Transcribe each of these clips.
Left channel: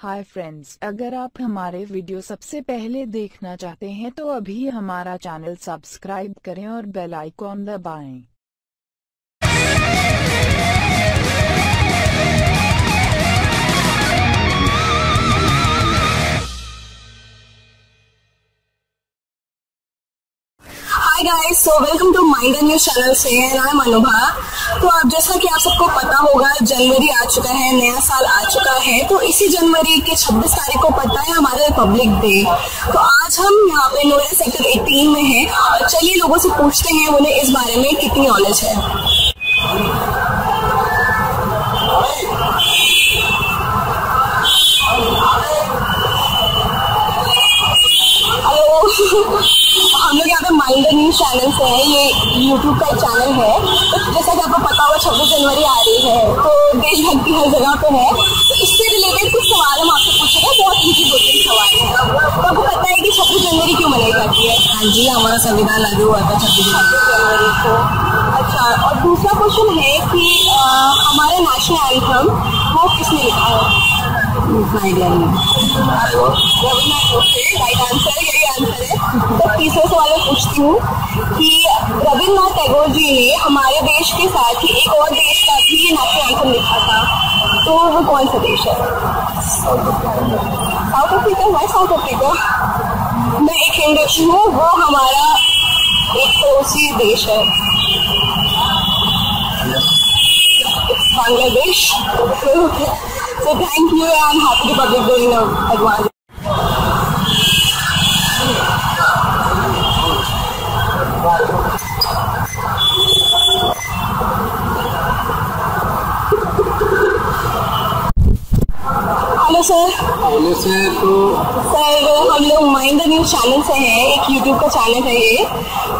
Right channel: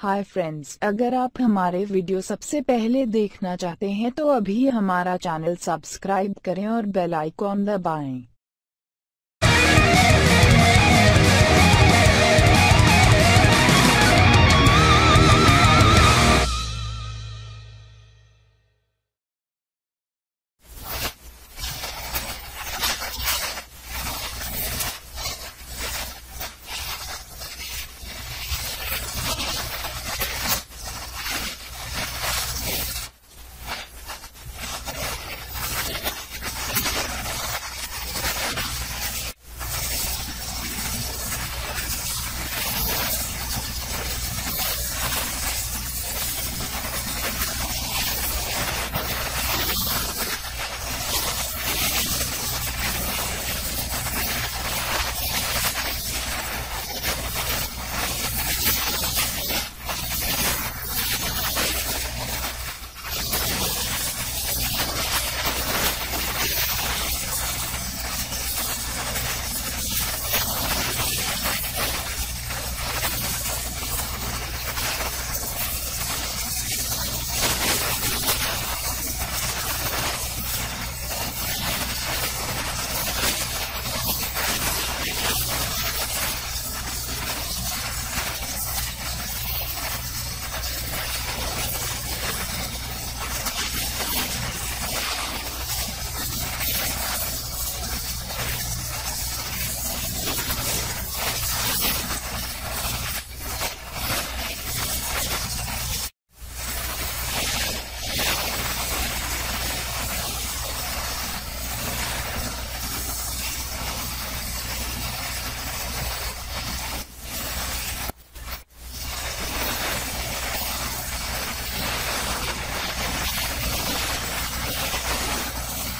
Hi friends, अगर आप हमारे वीडियो सबसे पहले देखना चाहते हैं तो अभी हमारा चैनल सब्सक्राइब करें और बेल आइकॉन दबाएं। Hi guys, so welcome to mind and news channel से एंड आई एम अनुभा। तो अब जैसा कि आप सबको पता होगा, जनवरी आ चुका है, नया साल आ चुका है। तो इसी जनवरी के 26 तारीख को पड़ता है हमारा रिपब्लिक डे। तो आज हम यहाँ पे नोएडा सेक्टर 18 में हैं और चलिए लोगों से पूछते हैं उन्हें इस बारे में कितनी नॉलेज है। हम लोग यहाँ पे माइंड एंड न्यूज चैनल से है, ये यूट्यूब का चैनल है। तो जैसा कि आपको पता होगा 26 जनवरी आ रही है, तो देशभक्ति हर जगह पे है। तो इससे रिलेटेड कुछ सवाल हम आपसे पूछेंगे, बहुत इजी बेसिक सवाल है। तो आपको पता है कि 26 जनवरी क्यों मनाई जाती है? हाँ जी, हमारा संविधान लागू हुआ था 26 जनवरी को। अच्छा, और दूसरा क्वेश्चन है कि हमारा नेशनल एंथम वो किसने लिखा है? तीसरे सवाल में पूछती हूँ कि रविन्द्रनाथ टैगोर जी ने हमारे देश के साथ ही एक और देश का भी नेशनल एंथम लिखा था, तो वो कौन सा देश है? South Africa. मैं साउथ अफ्रीका मैं एक हिंदू हूँ, वो हमारा एक पड़ोसी देश है Bangladesh. So thank you and happy Republic Day in advance. Hello sir. पहले से तो सर, हम लोग माइंड न्यूज चैनल से हैं, एक यूट्यूब का चैनल है ये।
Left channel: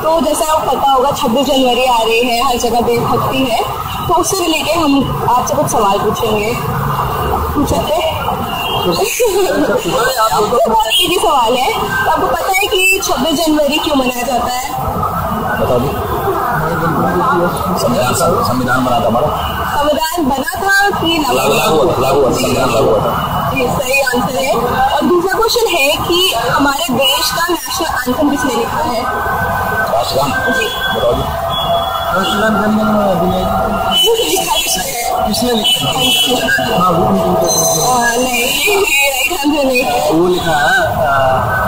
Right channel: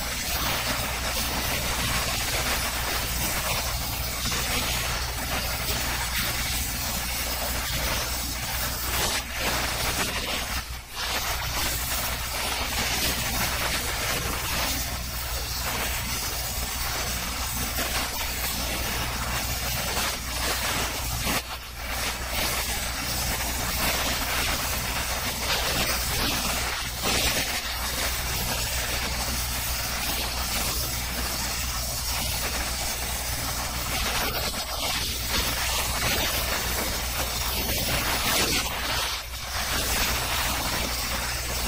तो जैसा आपको पता होगा 26 जनवरी आ रही है, हर जगह देशभक्ति है। तो उससे रिलेटेड हम आपसे कुछ सवाल पूछेंगे। पूछ सकते हैं? बहुत इजी सवाल है। तो आपको पता है कि 26 जनवरी क्यों मनाया जाता है? संविधान बना था हमारा। संविधान बना था कि लागू हुआ था। सही आंसर है। और दूसरा क्वेश्चन है कि हमारे देश का नेशनल एंथम किसने लिखा है? राष्ट्रगान बताओ जी। नहीं, वो लिखा है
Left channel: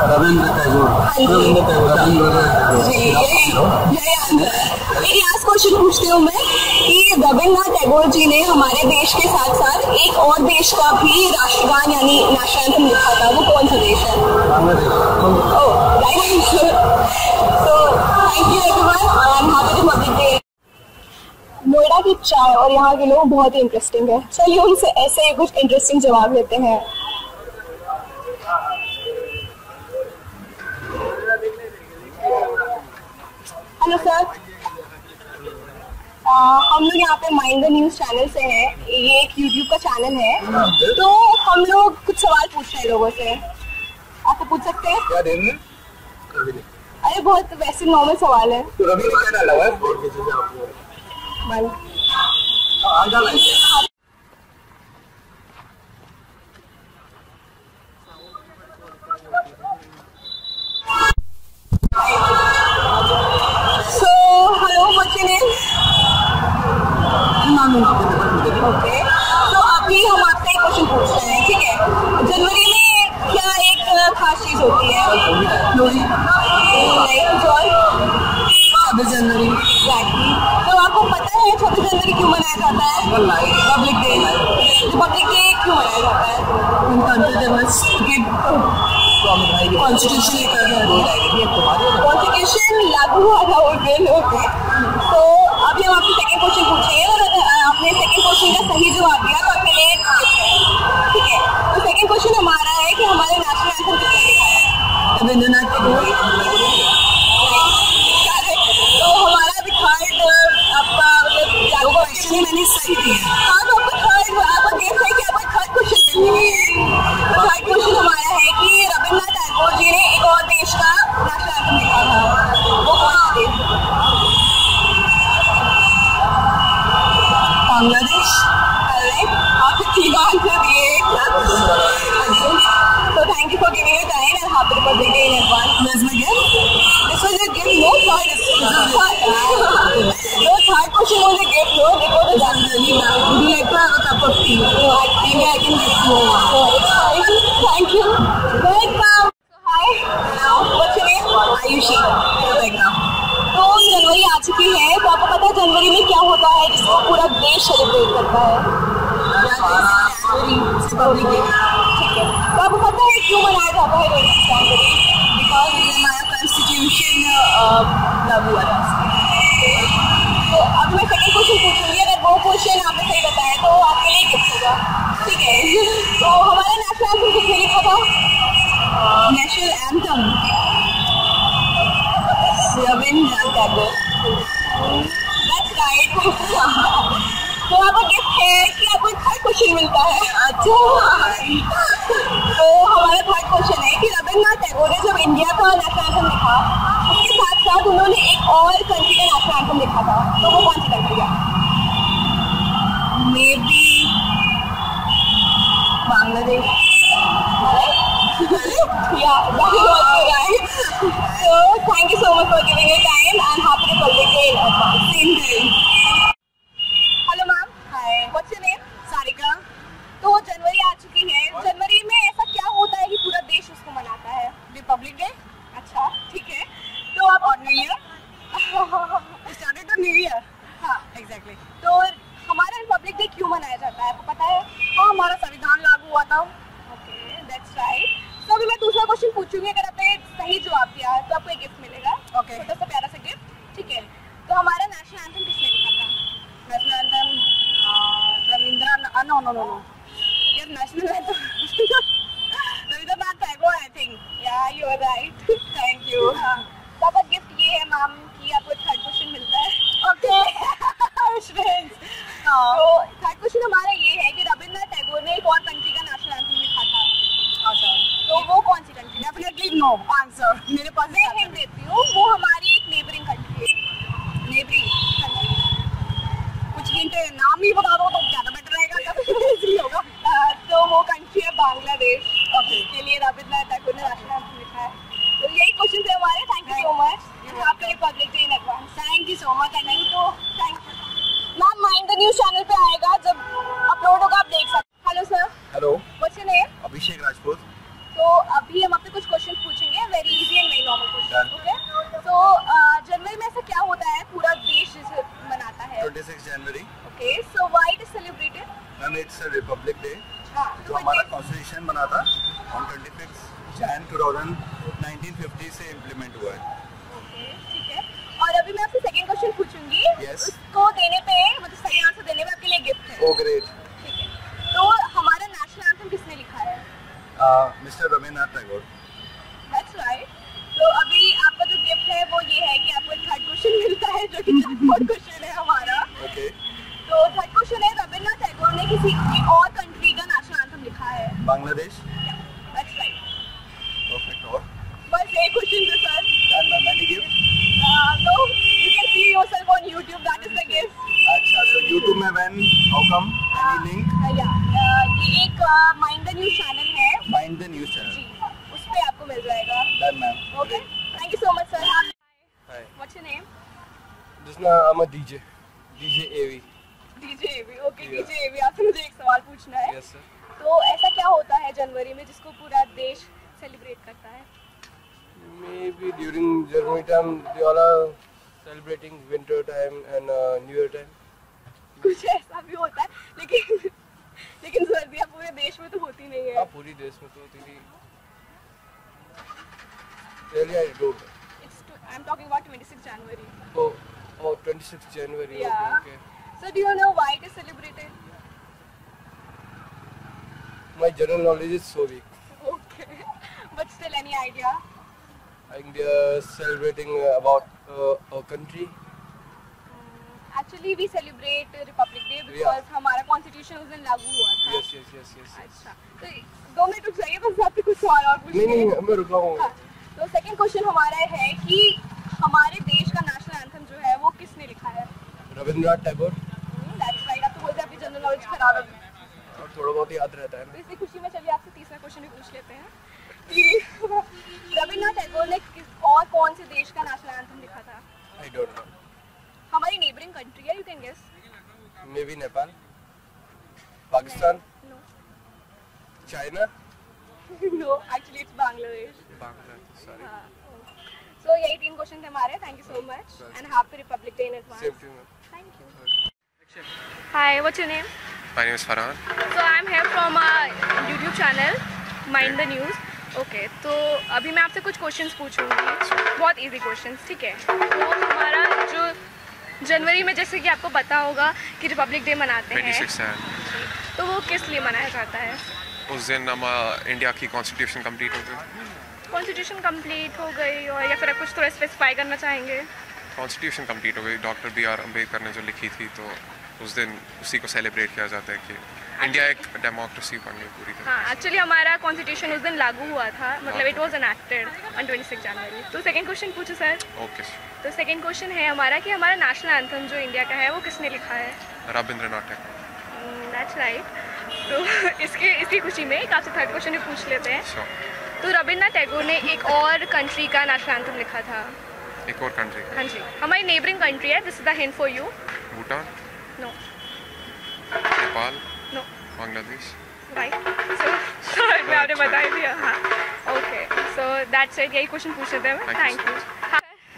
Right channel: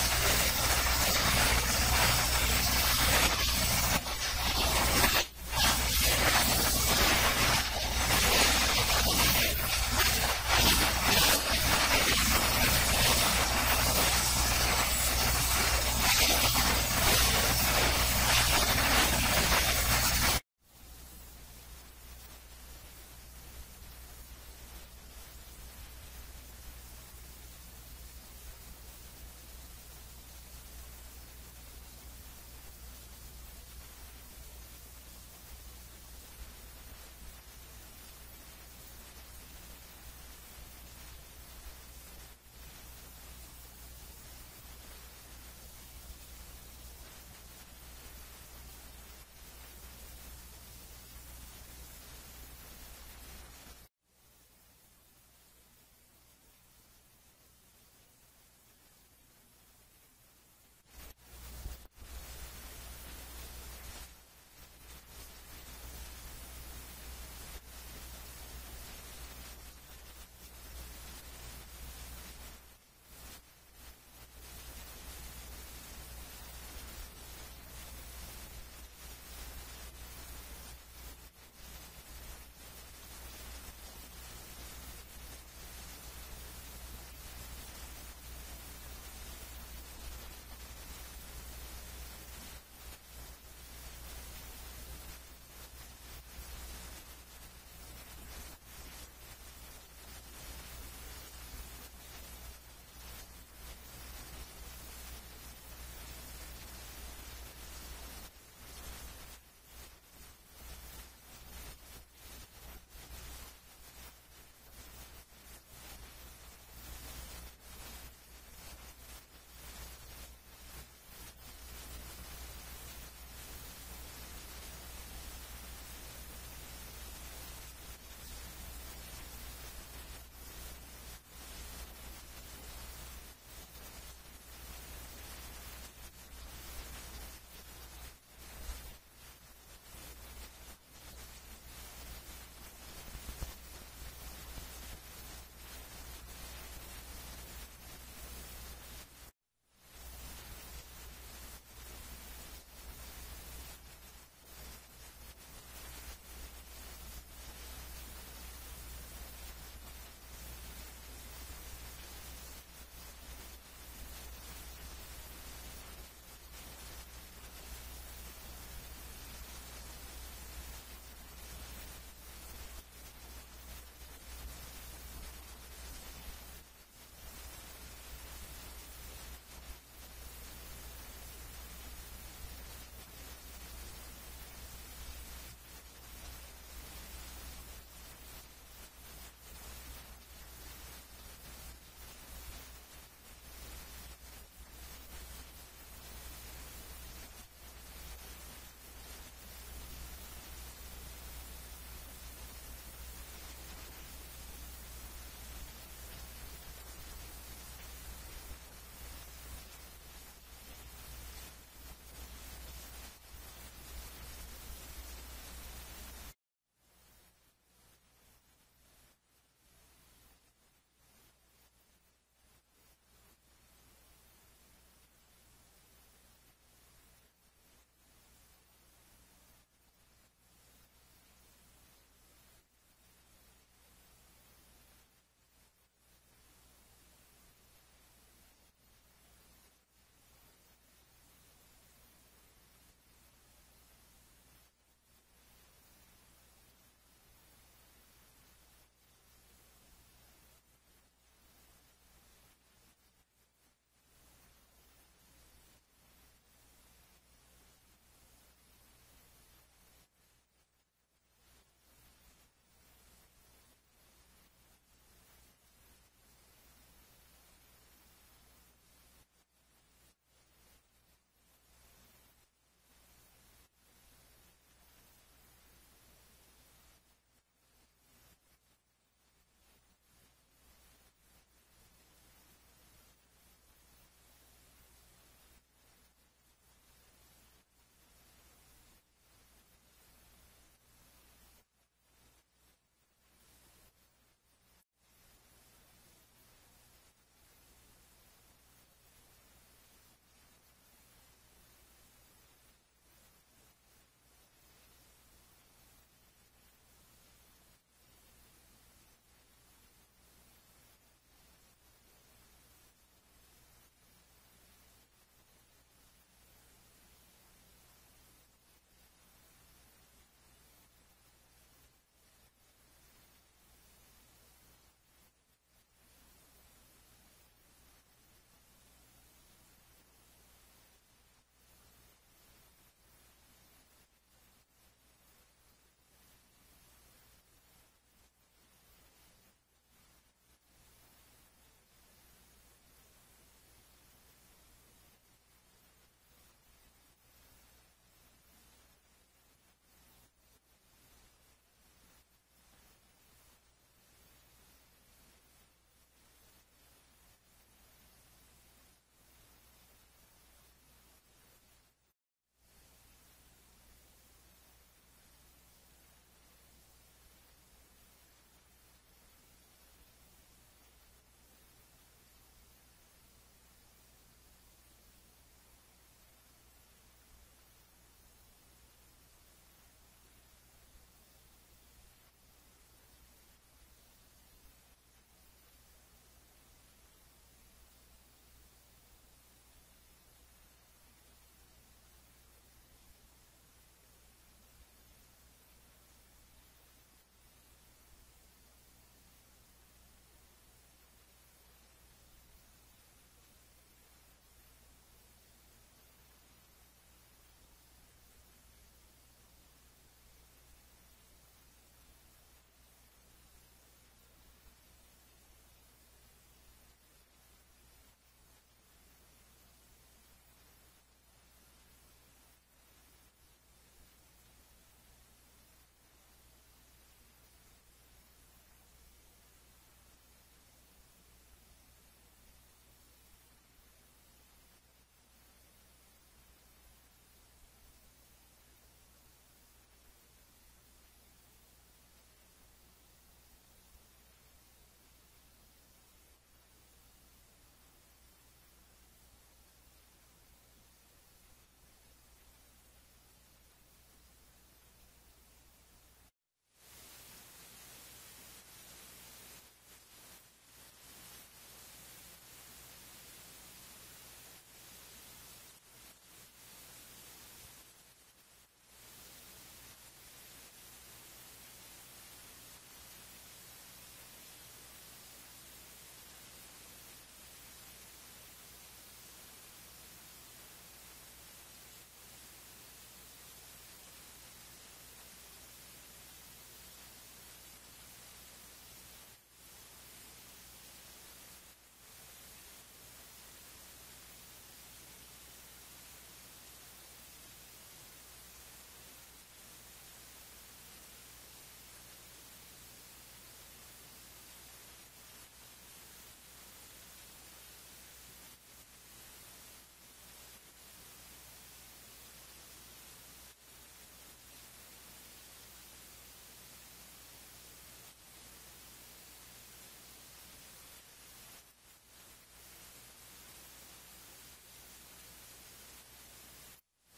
रविंद्र टैगोर। लास्ट क्वेश्चन पूछती हूँ मैं कि रविन्द्रनाथ टैगोर जी ने हमारे देश के साथ साथ एक और देश का भी राष्ट्रगान यानी नेशनल एंथम लिखा था, वो कौन सा देश है? नोएडा की चाय और यहाँ के लोग बहुत ही इंटरेस्टिंग है। चलिए उनसे ऐसे ही कुछ इंटरेस्टिंग जवाब लेते हैं। हेलो सर, हम लोग यहाँ पे माइंड न्यूज चैनल से हैं, ये एक यूट्यूब का चैनल है। तो हम लोग कुछ सवाल पूछ रहे हैं लोगों से, आपको पूछ सकते हैं? क्या देंगे? अरे बहुत वैसे नॉर्मल सवाल है। तो रवि ने क्या डाला है? ओके, तो अभी हम आपसे एक क्वेश्चन पूछ रहे हैं, ठीक है? जनवरी में क्या एक खास चीज होती है? लोहड़ी। नहीं, कुछ और? 26 जनवरी। एग्जैक्टली। तो आपको पता है 26 जनवरी क्यों मनाया जाता है? Republic day. रिपब्लिक डे क्यों मनाया जाता है? कॉन्स्टिट्यूशन लागू हुआ था उस दिन। तो अभी हम आपसे सेकंड क्वेश्चन पूछेंगे और आपने सेकंड क्वेश्चन का सही जवाब दिया तो आपके लिए ठीक है। तो सेकंड क्वेश्चन हमारा है कि हमारे नेशनल एंथम किसने लिखा है? रविन्द्रनाथ टैगोर। तो हमारा अभी थर्ड आपका मतलब क्वेश्चन मैंने सही दिया। हाँ, तो आपको थर्ड आपका गेस है कि आपका थर्ड क्वेश्चन नहीं है। थर्ड क्वेश्चन हमारा है कि रविन्द्रनाथ टैगोर जी ने एक और देश का नेशनल एंथम लिखा था, वो कौन सा देश? बांग्लादेश। आप ठीक आंसर दिए। Thank you. Welcome. So hi. Hello. What's your name? Ayushi Rebecca. तो जनवरी आ चुकी है, तो आपको पता है जनवरी में क्या होता है जिसको पूरा देश सेलिब्रेट करता है? Republic day. ठीक है, तो आपको पता है क्यों मनाया जाता है जनवरी? बिकॉज हमारा कॉन्स्टिट्यूशन लागू हुआ था। तो अब मैं सेकंड क्वेश्चन पूछूंगी, अगर वो क्वेश्चन आपने सही बताया तो आपके लिए गिफ्ट होगा, ठीक है? तो हमारा नेशनल एंथम किसने लिखा था? National anthem Rabindranath Tagore. That's right. तो आपका गिफ्ट है कि आपको एक थर्ड क्वेश्चन मिलता है। अच्छा। तो हमारा थर्ड क्वेश्चन है कि रविंद्रनाथ टैगोर ने जब इंडिया का नेशनल एंथम लिखा, उसके साथ साथ उन्होंने एक और कंट्री का नेशनल एंथम लिखा था, तो वो कौन सी कंट्री है? May be Bangladesh. Yeah, that is also right. So thank you so much for giving your time and happy Republic Day in advance. Same day. Hello ma'am. Hi. What's your name? Sarika. तो जनवरी आ चुकी है, जनवरी में ऐसा क्या होता है कि पूरा देश उसको मनाता है? रिपब्लिक डे अच्छा, ठीक है। तो आप और new year. Started to new year. हाँ, एग्जैक्टली। तो हमारा रिपब्लिक डे क्यों मनाया जाता है, आपको पता है? हाँ, हमारा संविधान लागू हुआ था। Okay, that's right. तो अभी मैं दूसरा क्वेश्चन पूछूंगी, अगर आपने सही जवाब दिया तो आपको एक गिफ्ट मिलेगा। Okay. छोटा सा प्यारा सा गिफ्ट, ठीक है? तो हमारा नेशनल एंथम किसने लिखा था? National anthem Rabindranath no no no no यार national anthem Rabindranath Tagore I think. Yeah you are right. Thank you. तो आपका गिफ्ट ये है मैम कि आपको थर्ड क्वेश्चन मिलता है। ओके। तो थर्ड क्वेश्चन हमारा ये है कि रविंद्रनाथ टैगोर ने एक और कंट्री का नेशनल एंथम लिखा था, तो वो कौन सी कंट्री है? डेफिनेटली नो आंसर मेरे पास मैं हिंट देती हूँ, वो हमारी एक नेबरिंग कंट्री है। नेबरी कुछ हिंट नाम ही बता दो तो ज़्यादा बेटर रहेगा, इजी होगा। तो वो कंट्री है बांग्लादेश। Okay. इसके लिए रविंद्रनाथ टैगोर ने नेशनल एंथम लिखा है। तो यही क्वेश्चन थे हमारे। Thank you so much. आपके republic day in advance. Thank you so much. नहीं तो thank you ma'am. Mind the news channel पे आएगा, जब अपलोड होगा आप देख सकते। Hello sir. Hello, what's your name? Abhishek Rajput. तो अभी हम आपसे कुछ क्वेश्चन पूछेंगे, very easy and very normal question, Done. Okay? तो जनवरी में ऐसा क्या होता है पूरा देश जिसे मनाता है? 26 जनवरी। Okay, so why it is celebrated? Ma'am it's republic day. हाँ, तो हमारा कॉन्स्टिट्यूशन बना था ऑन 26 जैन 1950 से इम्प्लीमेंट हुआ है। ओके, ठीक है। और अभी मैं आपसे सेकंड क्वेश्चन पूछूंगी। Yes. उसको देने पे, मतलब सही आंसर देने पे आपके लिए गिफ्ट है। ओ ग्रेट। ठीक है। तो हमारा नेशनल एंथम किसने लिखा है? Mister Rabindranath Tagore. That's right. तो अभी आपका जो गिफ्ट है वो ये है कि आपको एक थर्ड क्वेश्चन मिलता है, जो कि थर्ड क्वेश्चन है हमारा। ओके। तो थर्ड क्वेश्चन है, रविंद्रनाथ टैगोर ने किसी एक और कंट्री का नेशनल एंथम लिखा है? बांग्लादेश। That's right. परफेक्ट। और बस एक क्वेश्चन था sir. Done ma'am. Any gift? No, you can see yourself on YouTube, that is the gift. अच्छा, तो यूट्यूब में when how come any link? ये एक माइंड द न्यूज़ चैनल है माइंड द न्यूज़ चैनल। जी, उस पे आपको मिल जाएगा। Done ma'am. Okay, thank you so much sir. Hi, what's your name? just now I'm a DJ, DJ AV. DJ AV. Okay, Yeah. DJ AV, आपसे मुझे एक सवाल पूछना है। Yes sir. तो ऐसा क्या होता है जनवरी में जिसको पूरा देश सेलिब्रेट करता है? Maybe during January time they all are celebrating winter time and New Year time. कुछ ऐसा भी होता है, लेकिन सर्दियाँ पूरे देश में तो होती नहीं है। हाँ पूरी देश में तो तेरी really I don't. I'm talking about 26 January. Oh 26th January. Yeah. Okay. So do you know why it is celebrated? My general knowledge is so weak. Okay, but still any idea? I think they are celebrating about our country. Actually we celebrate Republic Day because Yeah. हमारा constitution उस दिन लागू हुआ था। Yes. अच्छा, तो 2 minute रुक जाइए, बस आपसे कुछ सवाल और पूछने नहीं हैं। मैं रुका हूँ। हाँ, तो सेकंड क्वेश्चन हमारा है कि हमारे देश का नेशनल एंथम जो है वो किसने लिखा है? रविंद्रनाथ टैगोर। That's right. आप तो बोलते हैं आपकी जनरल नॉलेज खराब है, और थोड़ा बहुत याद रहता है तो ना। इसी खुशी में चलिए आपसे तीसरा क्वेश्चन भी पूछ लेते हैं कि रविंद्रनाथ टैगोर ने किस और कौन से देश का नेशनल एंथम लिखा था? I don't know. हमारी नेबरिंग कंट्री है, you can guess. Maybe Nepal, Pakistan, no, China. No, actually it's Bangladesh. Bangladesh, sorry. So यही 3 क्वेश्चन थे हमारे. Thank you so much and happy Republic Day in advance. Same to you. Thank you. Hi, what's your name? My name is Farhan. So I'm here from our YouTube channel, Mind the News. Okay, तो अभी मैं आपसे कुछ questions पूछूंगी, बहुत easy questions, ठीक है? तो हमारा जो जनवरी में जैसे कि आपको पता होगा कि रिपब्लिक डे मनाते हैं, 26 है. तो वो किस लिए मनाया जाता है? उस दिन हम इंडिया की कॉन्स्टिट्यूशन कंप्लीट हो गई. कॉन्स्टिट्यूशन कंप्लीट हो गई और या फिर आप कुछ थोड़ा स्पेसिफाई करना चाहेंगे? कॉन्स्टिट्यूशन कंप्लीट हो गई. डॉक्टर बी आर अम्बेडकर ने जो लिखी थी, तो उस दिन उसी को सेलिब्रेट किया जाता है कि इंडिया एक डेमोक्रेसी बन गई पूरी तरह. हाँ, एक्चुअली हमारा कॉन्स्टिट्यूशन उस दिन लागू हुआ था, मतलब इट वाज एनैक्टेड ऑन 26 जनवरी. तो सेकंड क्वेश्चन पूछो सर. ओके. तो सेकंड क्वेश्चन है हमारा कि हमारा नेशनल एंथम जो इंडिया का है वो किसने लिखा है? रविंद्रनाथ टैगोर. That's right. तो इसी खुशी में एक आपसे थर्ड क्वेश्चन भी पूछ लेते हैं. Sure. तो रविंद्रनाथ टैगोर ने एक और कंट्री का नेशनल एंथम लिखा था. एक और कंट्री. हाँ जी, हमारी नेबरिंग कंट्री है. This is the hint for you. Bhutan. No. Nepal. No. Bangladesh. Right. So मैं आपने बता ही दिया. हाँ. Okay, so that's it. यही क्वेश्चन पूछ लेते हैं. Thank thank you you.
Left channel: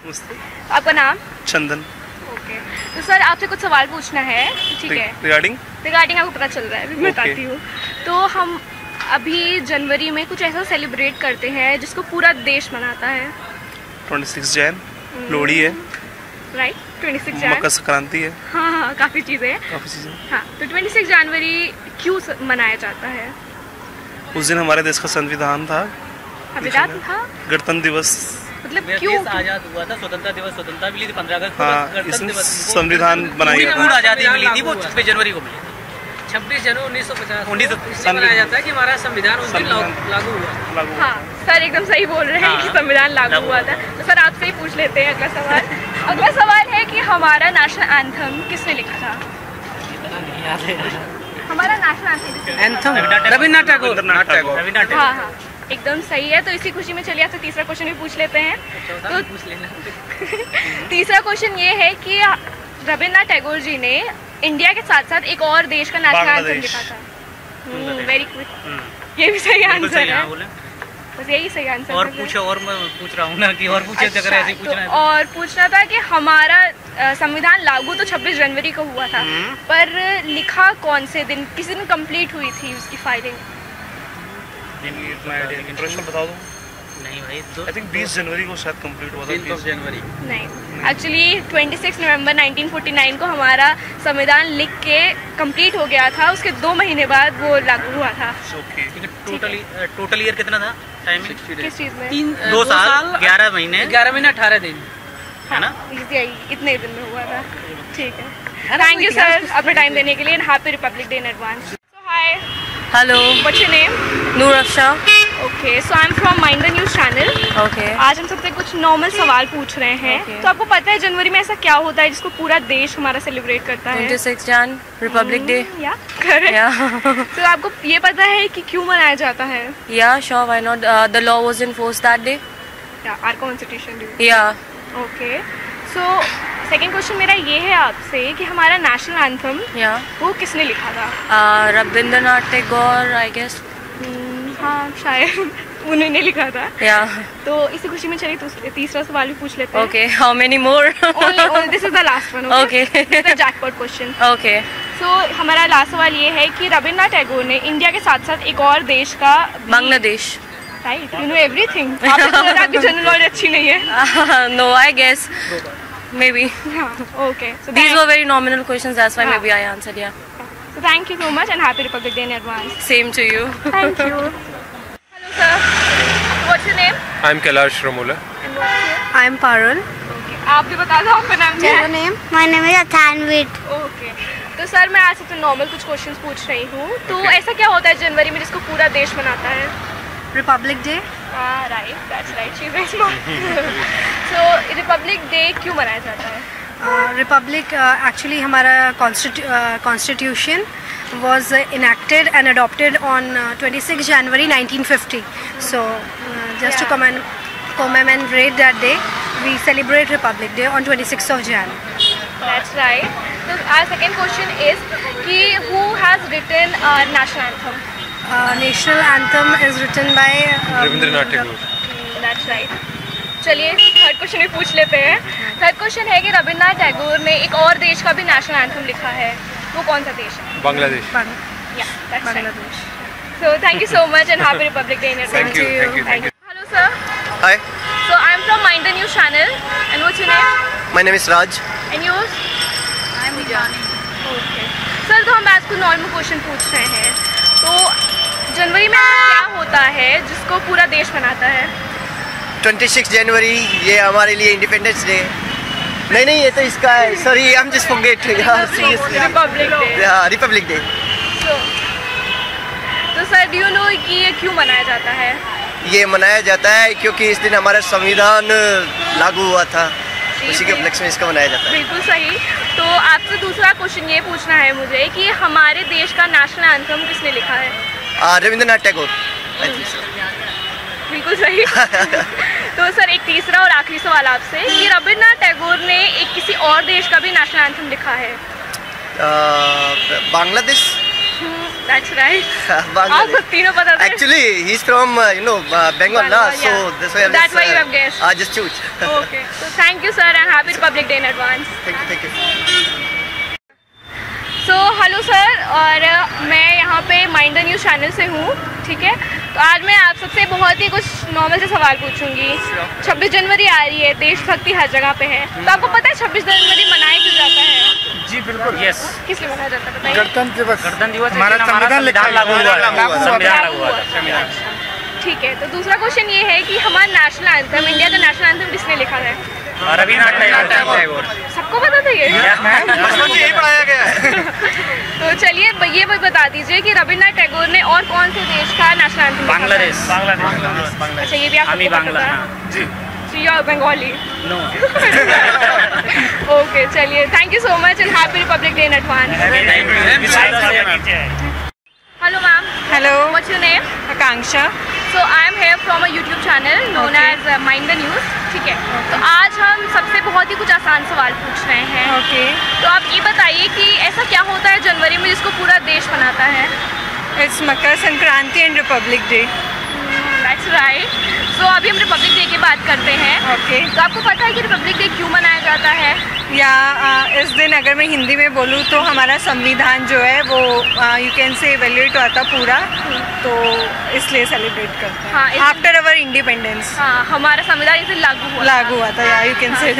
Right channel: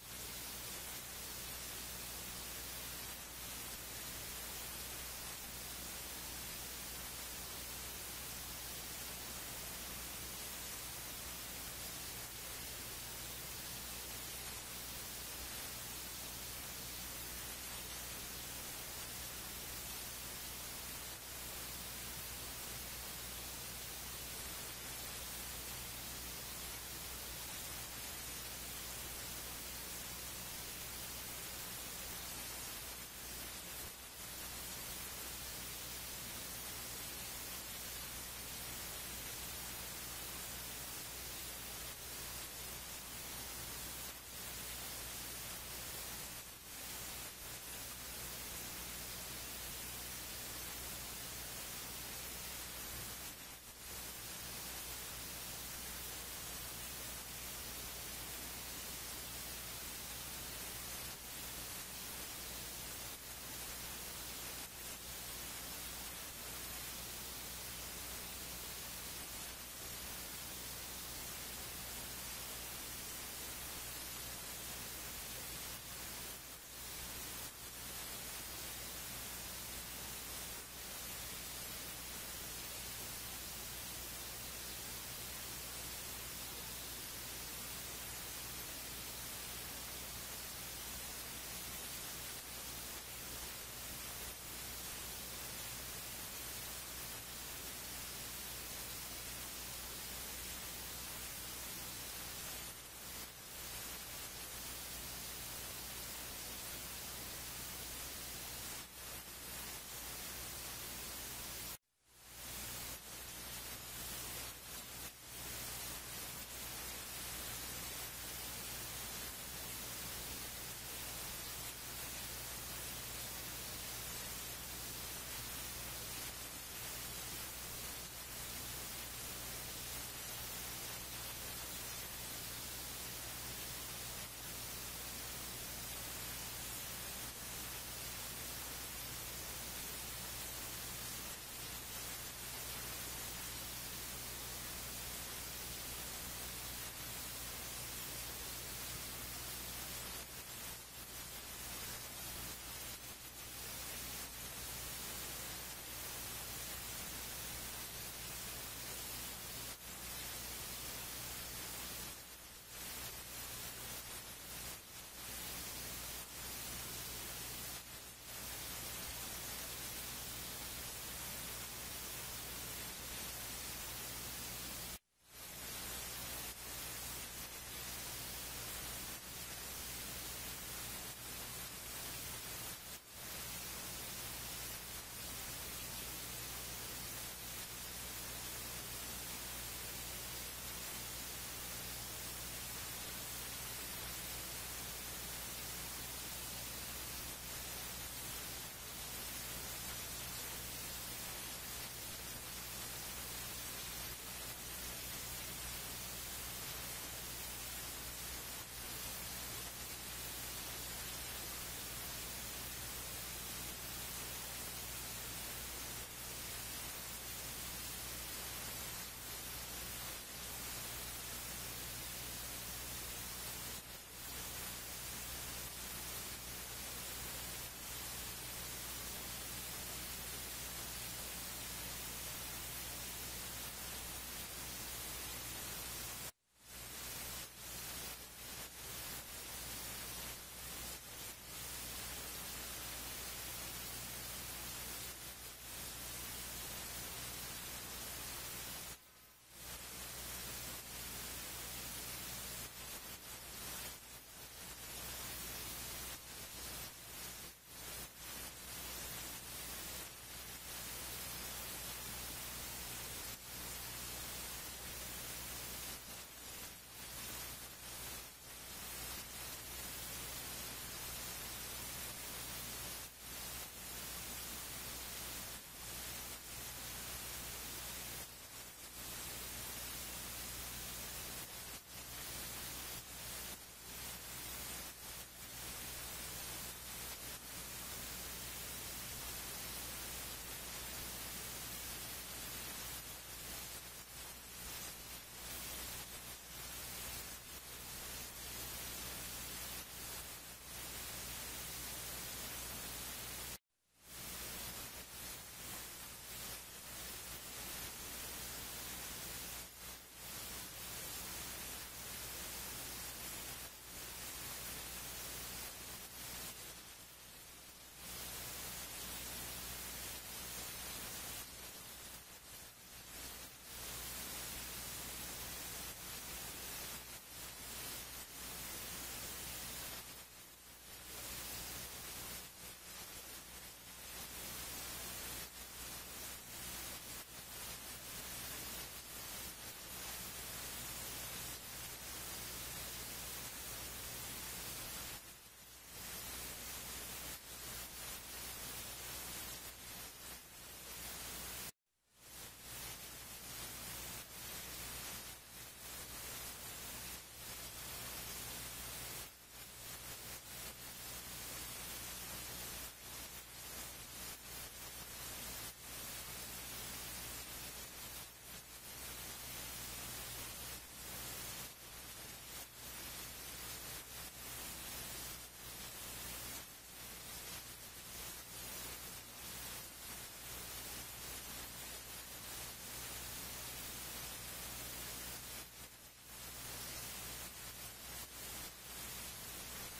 नमस्ते. आपका नाम? चंदन. ओके, तो सर आपसे कुछ सवाल पूछना है, ठीक है? रिगार्डिंग आपको पता चल रहा है, मैं बताती हूँ. तो हम अभी जनवरी में कुछ ऐसा सेलिब्रेट करते हैं जिसको पूरा देश मनाता है. 26 जैन लोहड़ी है. राइट, 26 जनवरी. मकर संक्रांति है. हाँ, काफ़ी चीज़ें हैं. काफ़ी चीज़ें. हाँ, तो 26 जनवरी क्यों मनाया जाता है? उस दिन हमारे देश का संविधान था. संविधान था. गणतंत्र दिवस. मतलब क्यों? आजाद हुआ था, स्वतंत्रता दिवस, स्वतंत्रता मिली थी 15 अगस्त. हाँ, इसमें संविधान बनाया गया पूर्ण था. आज़ादी मिली थी वो 26 जनवरी को मिली. 26 जनवरी 1950 मनाया जाता है कि हमारा संविधान उस दिन लागू हुआ. हाँ, सर एकदम सही बोल रहे हैं कि संविधान लागू हुआ था. तो सर आपसे ही पूछ लेते हैं अगला सवाल. अगला सवाल है कि हमारा नेशनल एंथम किसने लिखा था? हमारा नेशनल एंथम रविंद्रनाथ टैगोर. हाँ, एकदम सही है. तो इसी खुशी में चलिए आपसे तीसरा क्वेश्चन भी पूछ लेते हैं. तो तीसरा क्वेश्चन ये है कि रविंद्रनाथ टैगोर जी ने इंडिया के साथ साथ एक और देश का नेशनल एंथम लिखा था. Very quick. ये भी सही आंसर है. बस यही सही आंसर. और पूछो, और मैं पूछ रहा हूँ ना कि और पूछे. अच्छा, अगर ऐसे पूछना है तो और पूछना था कि हमारा संविधान लागू तो 26 जनवरी को हुआ था, पर लिखा कौन से दिन, किस दिन कंप्लीट हुई थी उसकी फाइलिंग? प्रश्न बता दो. नहीं भाई, आई थिंक 20 जनवरी को शायद कंप्लीट हुआ था. 20 जनवरी नहीं, एक्चुअली 26 नवंबर 1949 को हमारा संविधान लिख के कंप्लीट हो गया था. उसके 2 महीने बाद वो लागू हुआ था. टोटल ईयर कितना था टाइमिंग? किस चीज़ में? 2 साल 11 महीने 18 दिन है ना. इतने दिन में हुआ था. ठीक है. थैंक यू सर अपना टाइम देने के लिए. Happy republic day in advance. So hi. Hello. What's your name? Noor Afsha. Okay, so I am from mind the news channel. Okay. आज हम सबसे कुछ नॉर्मल सवाल पूछ रहे हैं. Okay. तो आपको पता है जनवरी में ऐसा क्या होता है जिसको पूरा देश हमारा सेलिब्रेट करता है? 26 जन रिपब्लिक डे. या करेक्ट. तो आपको ये पता है कि क्यों मनाया जाता है? Yeah, sure, why not? The law was enforced that day. Our constitution. Yeah. Okay, so second question मेरा ये है आपसे कि हमारा नेशनल एंथम Yeah. वो किसने लिखा था? Rabindranath Tagore, I guess. हाँ, शायद उन्होंने लिखा था. Yeah. तो इसी खुशी में चलिए तीसरा सवाल भी पूछ लेते हैं. Okay. How many more? Only this is the last one. Okay. This is the jackpot question. Okay. So हमारा लास्ट सवाल ये है कि रविंद्रनाथ टैगोर ने इंडिया के साथ साथ एक और देश का Bangladesh. Right, you know everything. आपकी जनरल नॉलेज अच्छी नहीं है. No, I guess. Maybe. Okay. So These were very nominal questions. That's why maybe I answered. Yeah. So thank you so much and happy Republic Day in advance. Same to you. Thank you. Hello sir. What's your name? I'm Kailash Ramula. And what's your? I'm Parul. Okay. आप भी बता दो आपका नाम क्या है? My name is Athanvit. Okay. तो sir मैं आज सबसे नॉर्मल कुछ क्वेश्चंस पूछ रही हूँ. तो ऐसा क्या होता है जनवरी में जिसको पूरा देश मनाता है? Republic Day. Right, that's right. She's very smart. So Republic Day क्यों मनाया जाता है? Republic actually हमारा constitution was enacted and adopted on 26 January 1950. So just to commemorate that day, we celebrate Republic Day on 26th of Jan. That's right. So our second question is कि who has written our national anthem? National anthem is written by Rabindranath Tagore. That's right. चलिए third question भी पूछ लेते हैं। Third question है कि रविंद्रनाथ टैगोर ने एक और देश का भी नेशनल एंथम लिखा है, वो कौन सा देश है? Bangladesh. Yeah, that's right. So thank you so much and happy Republic Day in advance. Thank you. Hello sir. Hi, So I'm from Mind the News channel. And what's your name? my name is Raj. And yours? I'm Vijani. Okay. Sir तो हम आज को normal question पूछ रहे हैं। तो जनवरी में ऐसा क्या होता है जिसको पूरा देश मनाता है? 26 जनवरी ये हमारे लिए इंडिपेंडेंस डे। नहीं ये तो इसका है, sorry I am just forget यार, seriously. Republic day. Republic day. तो सर डू यू नो कि ये क्यों मनाया जाता है? ये मनाया जाता है क्योंकि इस दिन हमारा संविधान लागू हुआ था, उसी के उपलक्ष्य में इसका मनाया जाता है। बिल्कुल सही। तो आपसे दूसरा क्वेश्चन ये पूछना है मुझे कि हमारे देश का नेशनल एंथम किसने लिखा है? रविंद्रनाथ टैगोर। बिल्कुल सही। तो सर एक तीसरा और आखिरी सवाल आपसे कि रविंद्रनाथ टैगोर ने एक किसी और देश का भी नेशनल एंथम लिखा है? बांग्लादेश। That's right. Bangladesh. आपको तीनों पता थे? Actually, he's from Bengal, na, so that's why That's why you have guessed. I just choose. Okay. So thank you sir and happy Republic Day in advance. Thank you. So hello sir, और मैं यहाँ पे mind the news channel से हूँ, ठीक है। तो आज मैं आप सबसे बहुत ही कुछ नॉर्मल से सवाल पूछूंगी। 26 जनवरी आ रही है, देशभक्ति हर जगह पे है, तो आपको पता है 26 जनवरी मनाया क्यों जाता है? जी बिल्कुल। यस। किस लिए मनाया जाता है बताइए? गणतंत्र दिवस हमारा संविधान लागू हुआ था। ठीक है। तो दूसरा क्वेश्चन ये है कि हमारा नेशनल एंथम, इंडिया का नेशनल एंथम किसने लिखा है? रविंद्रनाथ टैगोर। सबको पता था ये? यही पढ़ाया गया है। तो चलिए ये बता दीजिए कि रविंद्रनाथ टैगोर ने और कौन से देश का नेशनल एंथम? बांग्लादेश। अच्छा ये भी आपको पता था? You are Bengali? No. Okay, चलिए thank you so much and happy Republic Day in advance. Hello ma'am. Hello. What's your name? Akanksha. So I am here from a YouTube channel known as Mind the News. ठीक है। तो आज हम सबसे बहुत ही कुछ आसान सवाल पूछ रहे हैं। Okay. तो आप ये बताइए कि ऐसा क्या होता है जनवरी में जिसको पूरा देश मनाता है? It's Makar Sankranti and Republic Day. That's right. So अभी हम रिपब्लिक डे की बात करते हैं। Okay. तो आपको पता है कि रिपब्लिक डे क्यों मनाया जाता है? या इस दिन अगर मैं हिंदी में बोलूँ तो हमारा संविधान जो है वो यू कैन से इवेल्युएट हुआ था पूरा, तो इसलिए सेलिब्रेट करते हैं। हाँ, आफ्टर अवर इंडिपेंडेंस। हाँ, हमारा संविधान इस दिन लागू हुआ था, या यू कैन से।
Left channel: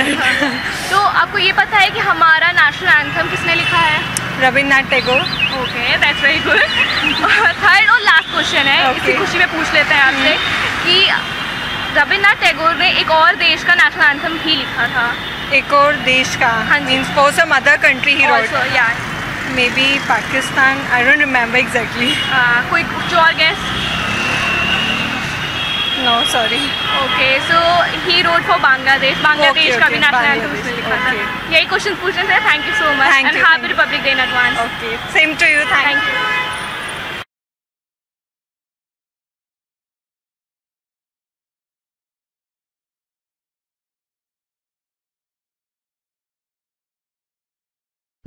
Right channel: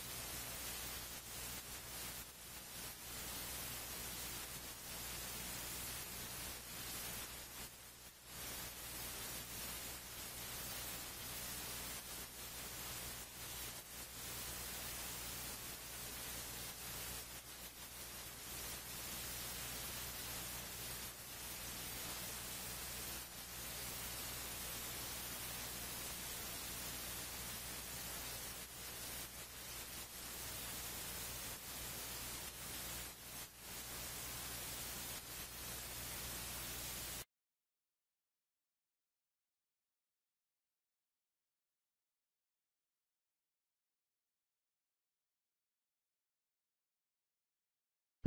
तो आपको ये पता है कि हमारा नेशनल एंथम किसने लिखा है? Rabindranath Tagore. Okay, that's very good. Third और लास्ट क्वेश्चन है, इसी खुशी में पूछ लेते हैं आपसे कि रविंद्रनाथ टैगोर ने एक और देश का नेशनल एंथम भी लिखा था। एक और देश का? Means for some other country he wrote? या maybe Pakistan, I don't remember exactly. कोई कुछ और guess? No sorry. Okay, so he wrote for Bangladesh का भी नेशनल एंथम उसने लिखा था। यही क्वेश्चन पूछने से thank you so much and happy republic day in advance. Okay, same to you. Thank you.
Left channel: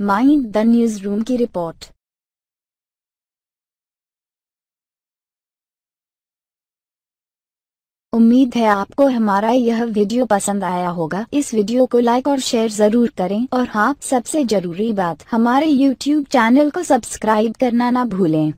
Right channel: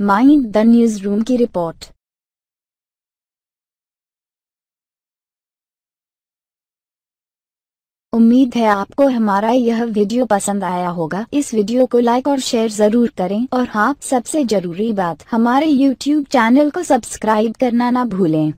Mind the newsroom की रिपोर्ट। उम्मीद है आपको हमारा यह वीडियो पसंद आया होगा। इस वीडियो को लाइक और शेयर जरूर करें और हाँ, सबसे जरूरी बात, हमारे YouTube चैनल को सब्सक्राइब करना ना भूलें।